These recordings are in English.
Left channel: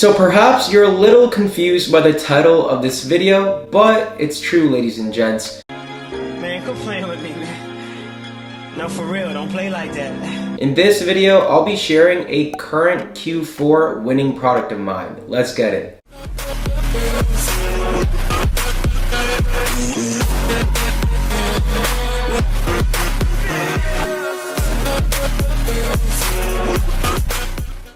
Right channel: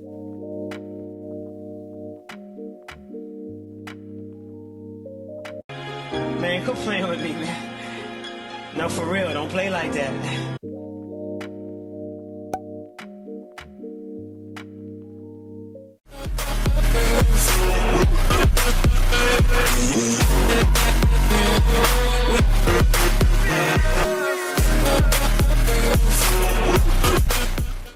So perhaps you're a little confused by the title of this video, but it's true, ladies and gents. Man, quit playing with me, man. No, for real, don't play like that. In this video, I'll be sharing a current Q4 winning product of mine. Let's get it.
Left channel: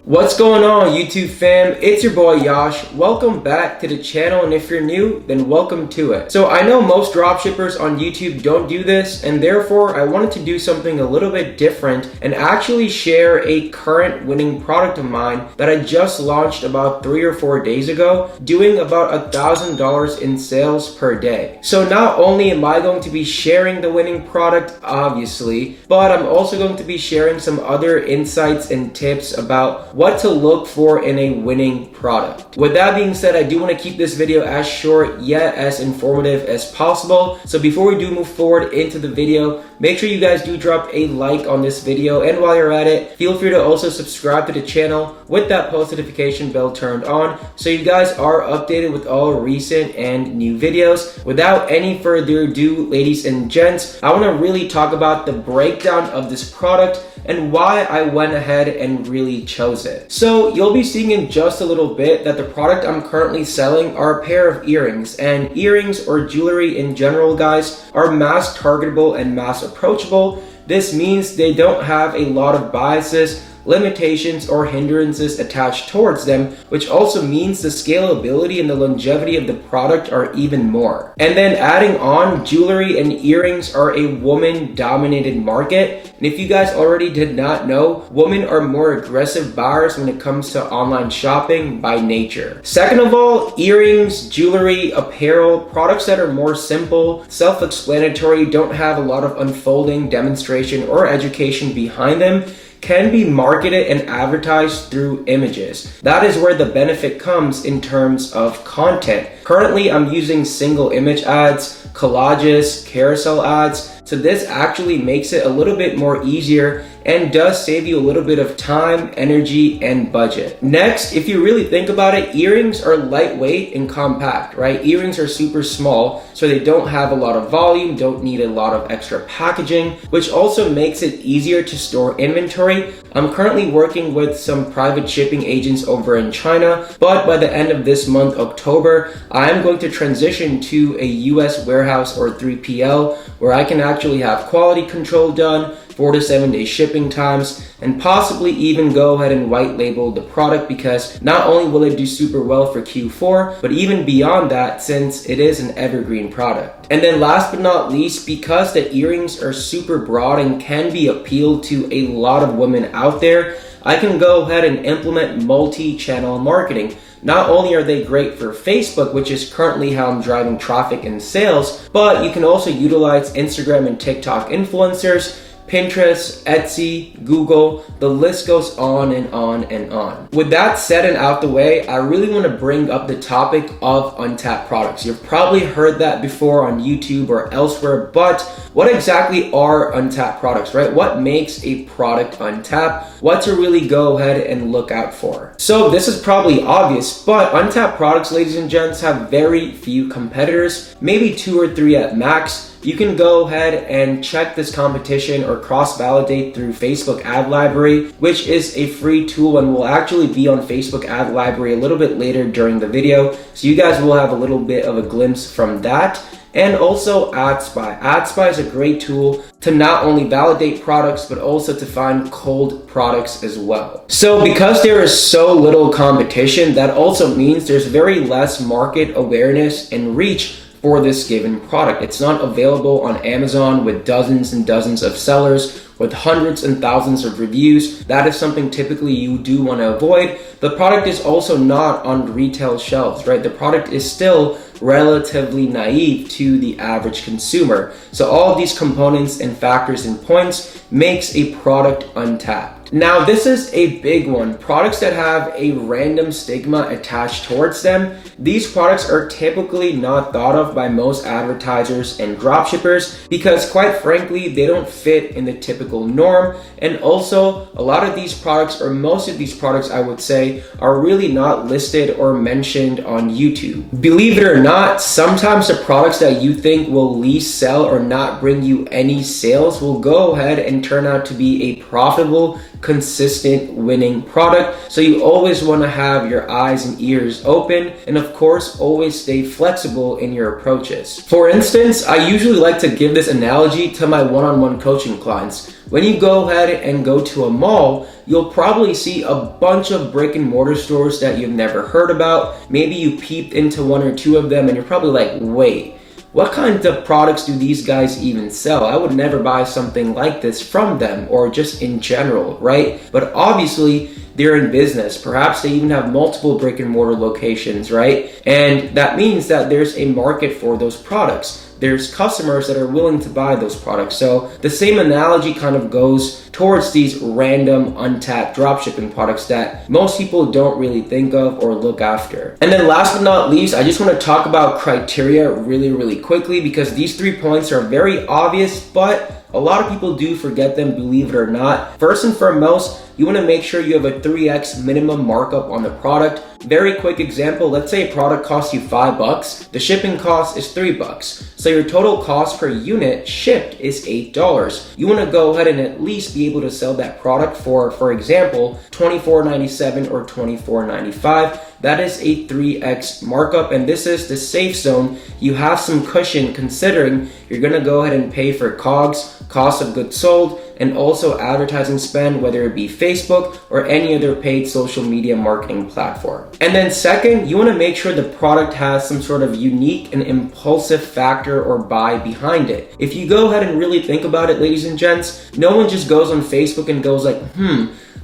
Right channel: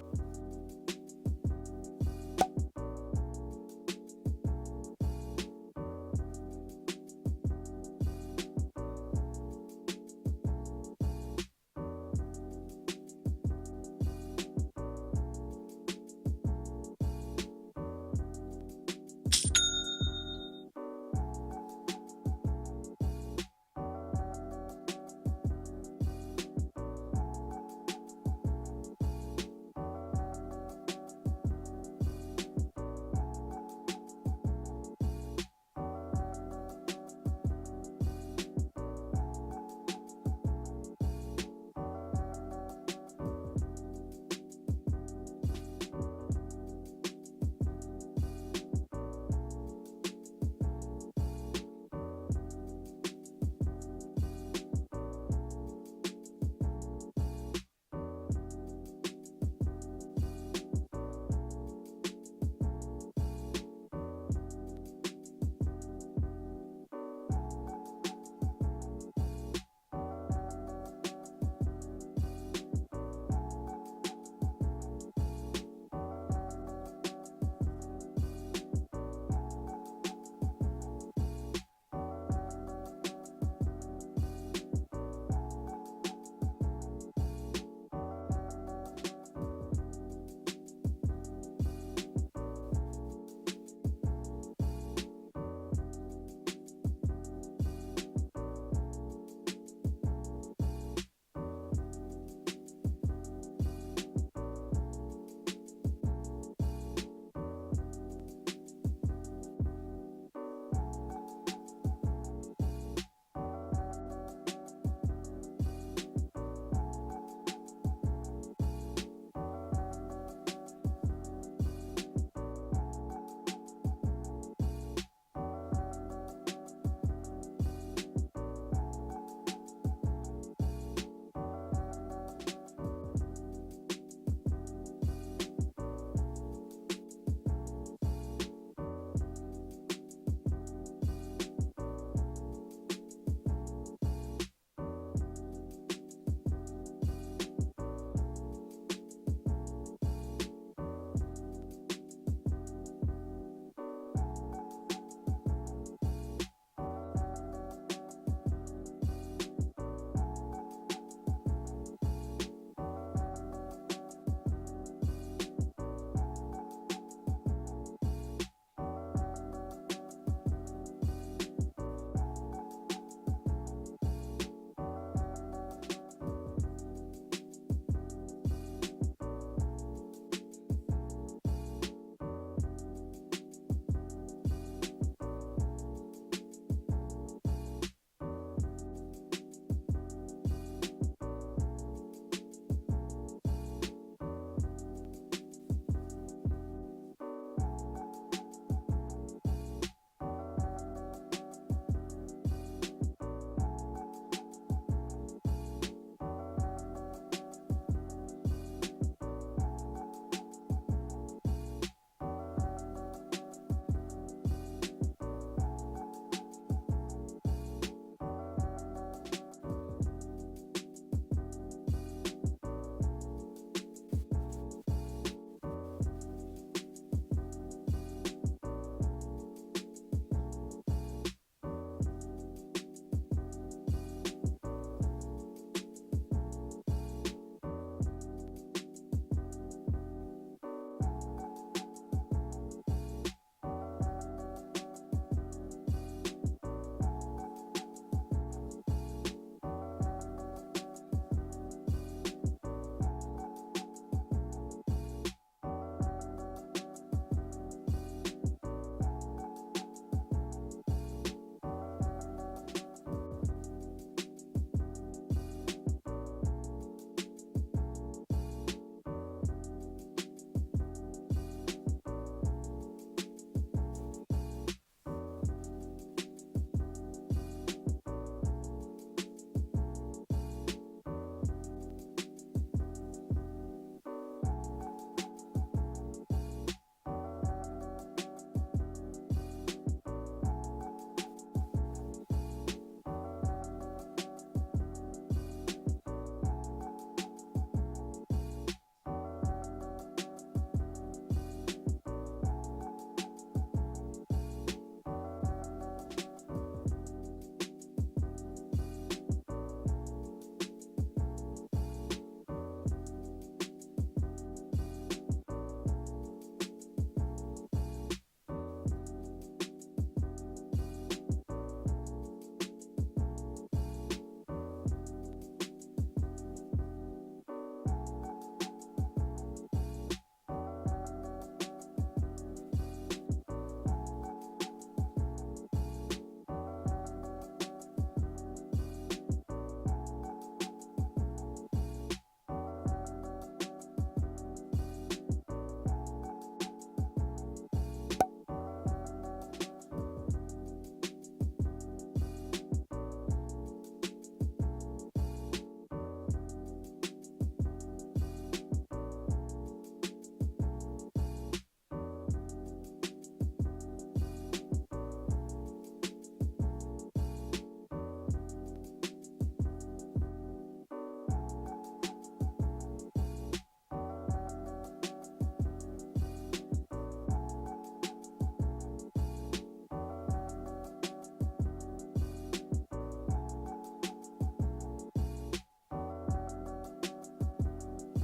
What's going on, YouTube fam? It's your boy Yash. Welcome back to the channel, and if you're new, then welcome to it. So I know most dropshippers on YouTube don't do this, and therefore I wanted to do something a little bit different and actually share a current winning product of mine that I just launched about 3 or 4 days ago, doing about $1,000 in sales per day. So not only am I going to be sharing the winning product, obviously, but I'm also going to be sharing some other insights and tips about what to look for in a winning product. With that being said, I do want to keep this video as short yet as informative as possible. So before we do move forward into the video, make sure you guys do drop a like on this video, and while you're at it, feel free to also subscribe to the channel with that post notification bell turned on so you guys are updated with all recent and new videos. Without any further ado, ladies and gents, I want to really talk about the breakdown of this product and why I went ahead and really chose it. So you'll be seeing in just a little bit that the product I'm currently selling are a pair of earrings, and earrings or jewelry in general, guys, are mass targetable and mass approachable. This means they don't have a lot of biases, limitations, or hindrances attached towards them, which also means the scalability and the longevity of the product are even more. And then adding on, jewelry and earrings are a woman-dominated market. And if you guys already did not know, women are more aggressive buyers when it comes to online shopping by nature. Second of all, earrings, jewelry, apparel, products that are more simple, self-explanatory, don't have a lot of unfolding, demonstration, or education behind them, can be marketed and advertised through images. That is where the benefit comes in terms of content. Currently, I'm using single image ads, collages, carousel ads, so this actually makes it a little bit more easier and does save you a little bit of time, energy, and budget. Next, if you really think about it, earrings are lightweight and compact, right? Earrings are super small, so they don't have a lot of volume, don't need a lot of extra packaging, which also makes it easier to store inventory. I'm currently working with some private shipping agents over in China, but by the end of this month, October, I am going to transition to a US warehouse or 3PL where I can actually have quality control done, 4 to 7 day shipping times, and possibly even go ahead and white label the product, because not only will it do super well for Q4, but even beyond that, since it is an evergreen product. And then last but not least, because the earrings are super broad and can be appealed to a lot of women out there, I can go ahead and implement multi-channel marketing. Not only are they great for Facebook, which is currently how I'm driving traffic and sales, but you can also utilize Instagram and TikTok influencers, Pinterest, Etsy, Google, the list goes on and on and on. With that said and out the way, I really want to bring up the topic of untapped products. You've probably heard that before on YouTube or elsewhere, but what exactly are untapped products, right? What makes a product untapped? What to really go ahead and look out for? So this is probably obvious, but untapped products, ladies and gents, have very few competitors, maybe 2 or 3 at max. You can go ahead and check this competition or cross-validate through Facebook Ad Library, which is a free tool and will actually be on Facebook Ad Library a little bit later during the video. So you guys will have a little bit of a glimpse from that. And also AdSpy. AdSpy is a great tool to not only validate products, but also to find cold products as well. So because there is so little competition, that also means there's very less market awareness and reach for this given product. It's not available on Amazon with dozens and dozens of sellers with hundreds and thousands of reviews. That is something typically you do want to avoid. The product is also not on retail shelves, right? The product is still relatively naive to the average consumer. So all of these components and factors and points makes a product untapped. Now, this is a big one. Products that have a random stigma attached towards them. These products are typically not thought of by most advertisers and dropshippers because, quite frankly, they don't fit in the typical norm. And also, a lot of these products, or most of these products, I would say, are really not listed or mentioned on YouTube. Believe it or not, sometimes the products that you think will least sell or not bring you any sales will go ahead and turn out to be a profitable, consistent, winning product. So you always want to have your eyes and ears open, and of course, always stay flexible in your approaches. For instance, I usually like to give this analogy to my one-on-one coaching clients. When you go ahead and go to a mall, you'll probably see a bunch of brick and mortar stores that you've never heard about. Maybe you peeped into one or two of them and you're probably like, wait, what kinds of products do these guys even sell? I would never buy something like this from them, or just in general, right? But obviously, they're in business. Perhaps they even have multiple brick and mortar locations, right? And that means that there's a market for those products. There's customers that are willing to buy those products. So the same analogy kind of goes towards these random untapped dropshipping products that most people don't really think of or look after. And then last but not least, I just want to talk about criteria really quickly, because these 3 points are very obvious, but a lot of people do forget them, believe it or not. First and foremost, you want to make sure you have a 3x minimum markup on the product. Very quick example, let's say a product costs you $5, the shipping cost is $3. So your total cost per unit shipped is $8. You want to go ahead and at least be able to sell that product for example, $24.97 or $24.95. That is a 3x markup, and this is the safe zone. You have some cushion considering you're gonna go ahead and pay for COGS, cost of goods sold, and also advertising spend, whether it be Facebook or any other paid social media marketing platform. And then second, you wanna make sure the product has some sort of unique and impulsive factor or buy behind it. If you go ahead and really think about it, ladies and gents, no one just goes on Facebook and goes like,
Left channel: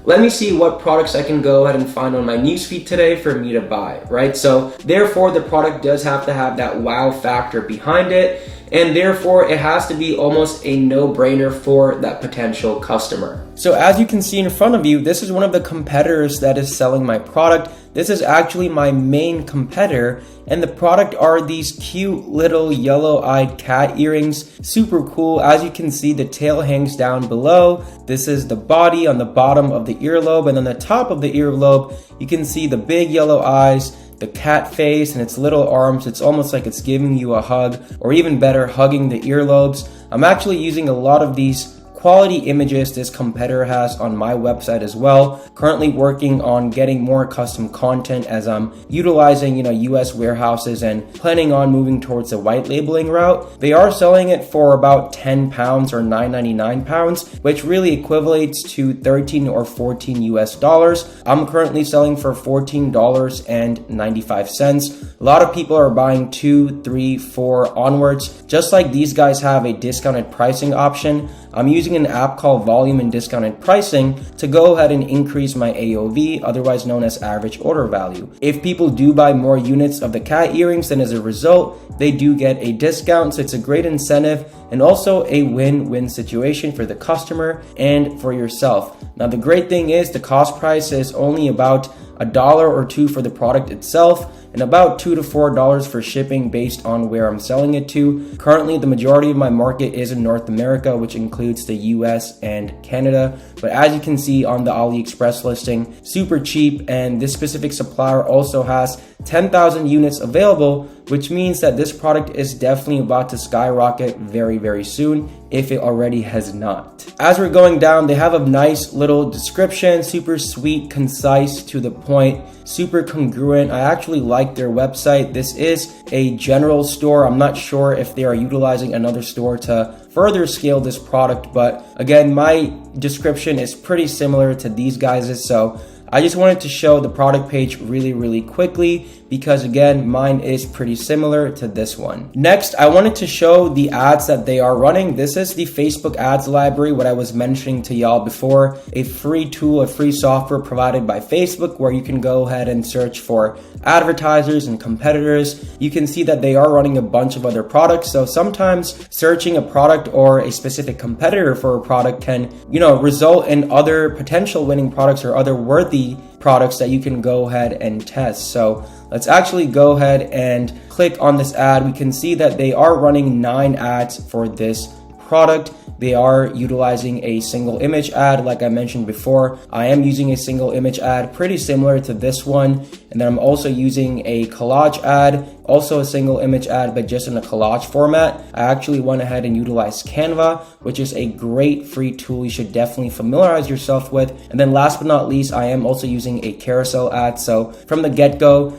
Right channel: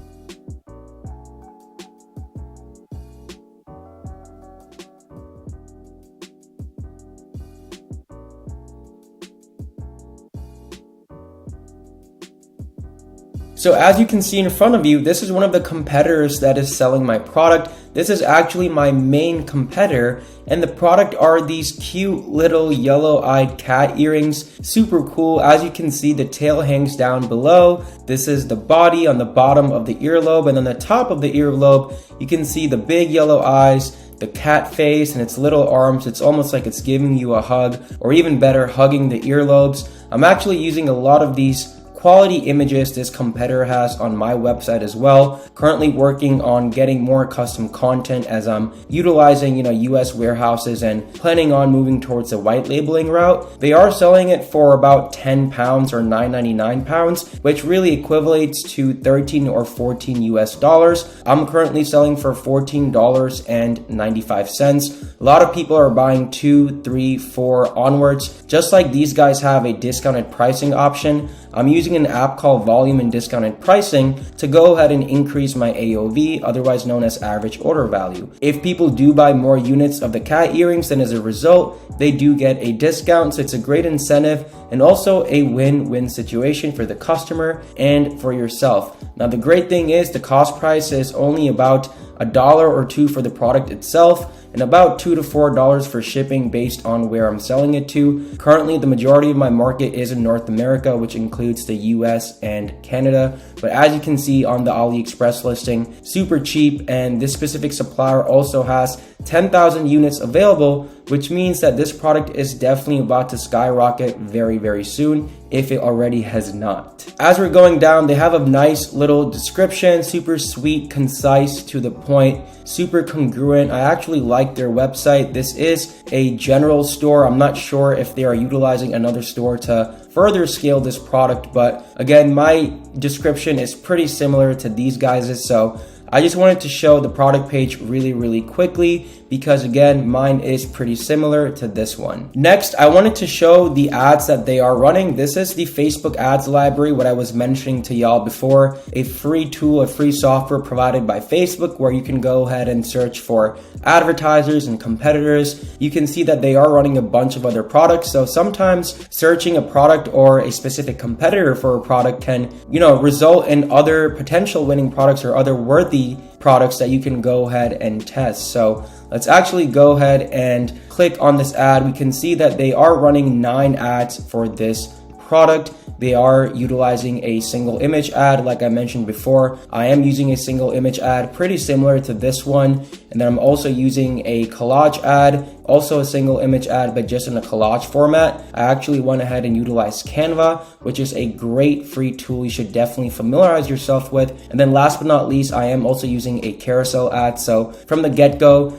let me see what products I can go ahead and find on my newsfeed today for me to buy, right? So therefore, the product does have to have that wow factor behind it, and therefore it has to be almost a no-brainer for that potential customer. So as you can see in front of you, this is one of the competitors that is selling my product. This is actually my main competitor, and the product are these cute little yellow-eyed cat earrings. Super cool. As you can see, the tail hangs down below. This is the body on the bottom of the earlobe, and on the top of the earlobe, you can see the big yellow eyes, the cat face, and its little arms. It's almost like it's giving you a hug, or even better, hugging the earlobes. I'm actually using a lot of these quality images this competitor has on my website as well. Currently working on getting more custom content as I'm utilizing, US warehouses and planning on moving towards the white labeling route. They are selling it for about 10 pounds or 9.99 pounds, which really equivalates to 13 or 14 US dollars. I'm currently selling for $14.95. A lot of people are buying 2, 3, 4 onwards. Just like these guys have a discounted pricing option, I'm using an app called Volume and Discounted Pricing to go ahead and increase my AOV, otherwise known as average order value. If people do buy more units of the cat earrings, then as a result, they do get a discount. So it's a great incentive and also a win-win situation for the customer and for yourself. Now, the great thing is the cost price is only about $1 or $2 for the product itself, and about $2 to $4 for shipping based on where I'm selling it to. Currently, the majority of my market is in North America, which includes the US and Canada. But as you can see on the AliExpress listing, super cheap, and this specific supplier also has 10,000 units available, which means that this product is definitely about to skyrocket very soon, if it already has not. As we're going down, they have a nice little description, super sweet, concise, to the point, super congruent. I actually like their website. This is a general store. I'm not sure if they are utilizing another store to further scale this product, but again, my description is pretty similar to these guys's, so I just wanted to show the product page really quickly because again, mine is pretty similar to this one. Next, I wanted to show the ads that they are running. This is the Facebook ads library, what I was mentioning to y'all before, a free tool, a free software provided by Facebook where you can go ahead and search for advertisers and competitors. You can see that they are running a bunch of other products. So sometimes searching a product or a specific competitor for a product can, result in other potential winning products or other worthy products that you can go ahead and test. So let's actually go ahead and click on this ad. We can see that they are running 9 ads for this product. They are utilizing a single image ad. Like I mentioned before, I am using a single image ad pretty similar to this one. And then I'm also using a collage ad, also a single image ad, but just in a collage format. I actually went ahead and utilized Canva, which is a great free tool you should definitely familiarize yourself with. And then last but not least, I am also using a carousel ad. So from the get-go,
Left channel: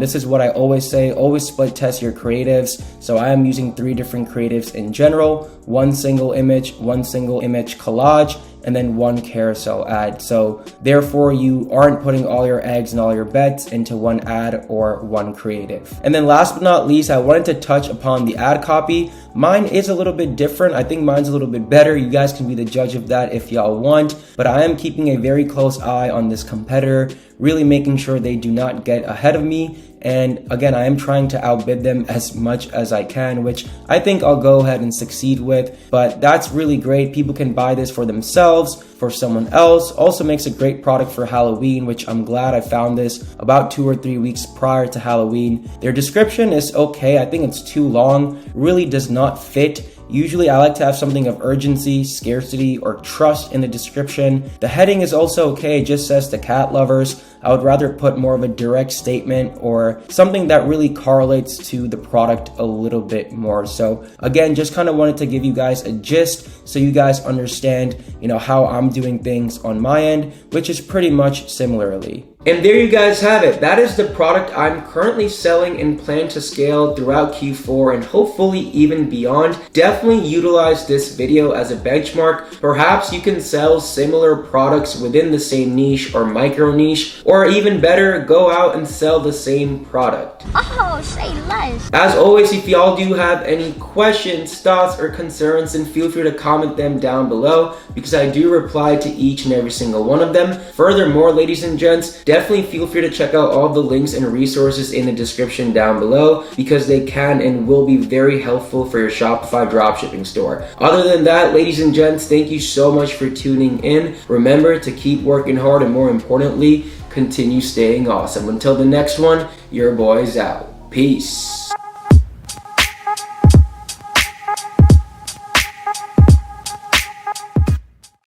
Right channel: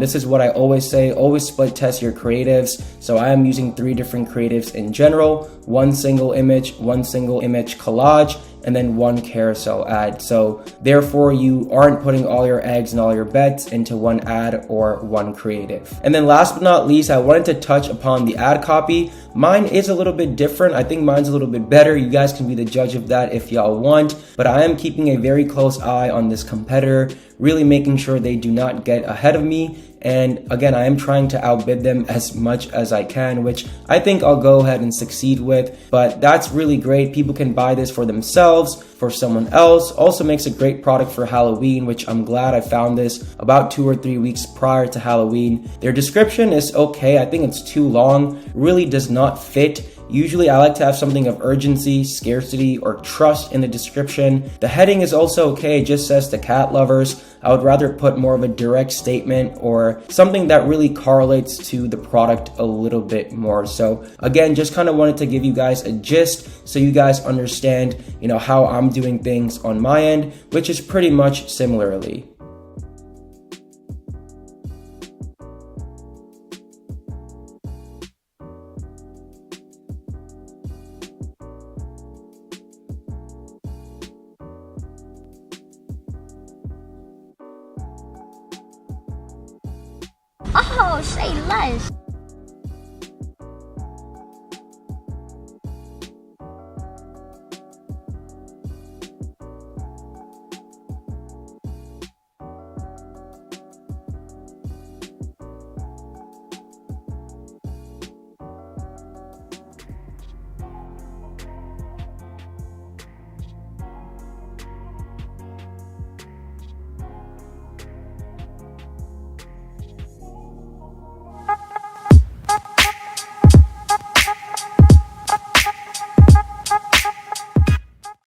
this is what I always say, always split test your creatives. So I am using 3 different creatives in general, 1 single image collage, and then 1 carousel ad. So therefore you aren't putting all your eggs and all your bets into 1 ad or 1 creative. And then last but not least, I wanted to touch upon the ad copy. Mine is a little bit different. I think mine's a little bit better. You guys can be the judge of that if y'all want, but I am keeping a very close eye on this competitor, really making sure they do not get ahead of me. And again, I am trying to outbid them as much as I can, which I think I'll go ahead and succeed with. But that's really great. People can buy this for themselves, for someone else. Also makes a great product for Halloween, which I'm glad I found this about 2 or 3 weeks prior to Halloween. Their description is okay. I think it's too long, really does not fit. Usually I like to have something of urgency, scarcity, or trust in the description. The heading is also okay, it just says to cat lovers. I would rather put more of a direct statement or something that really correlates to the product a little bit more. So again, just kind of wanted to give you guys a gist so you guys understand, how I'm doing things on my end, which is pretty much similarly. And there you guys have it. That is the product I'm currently selling and plan to scale throughout Q4 and hopefully even beyond. Definitely utilize this video as a benchmark. Perhaps you can sell similar products within the same niche or micro niche, or even better, go out and sell the same product. Oh, say less. As always, if y'all do have any questions, thoughts, or concerns, then feel free to comment them down below because I do reply to each and every single one of them. Furthermore, ladies and gents, definitely feel free to check out all the links and resources in the description down below because they can and will be very helpful for your Shopify dropshipping store. Other than that, ladies and gents, thank you so much for tuning in. Remember to keep working hard and more importantly, continue staying awesome. Until the next one, your boy's out. Peace.